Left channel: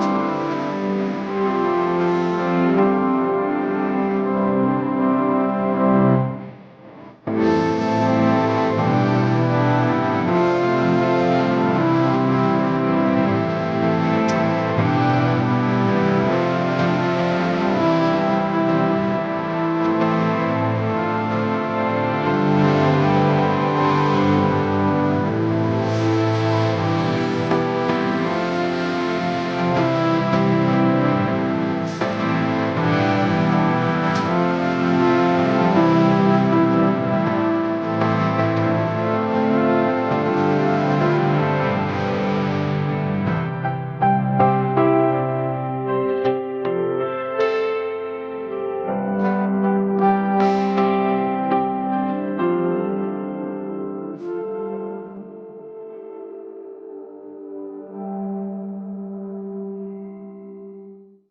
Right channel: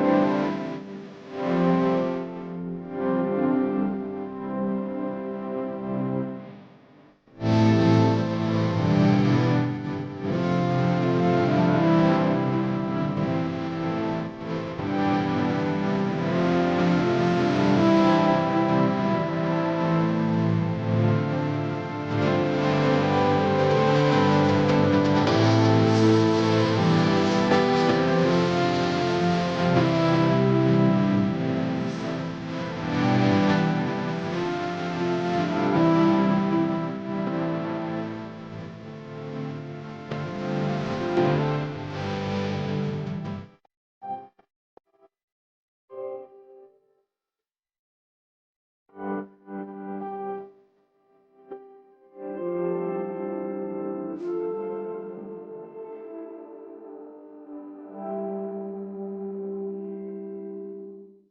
thank you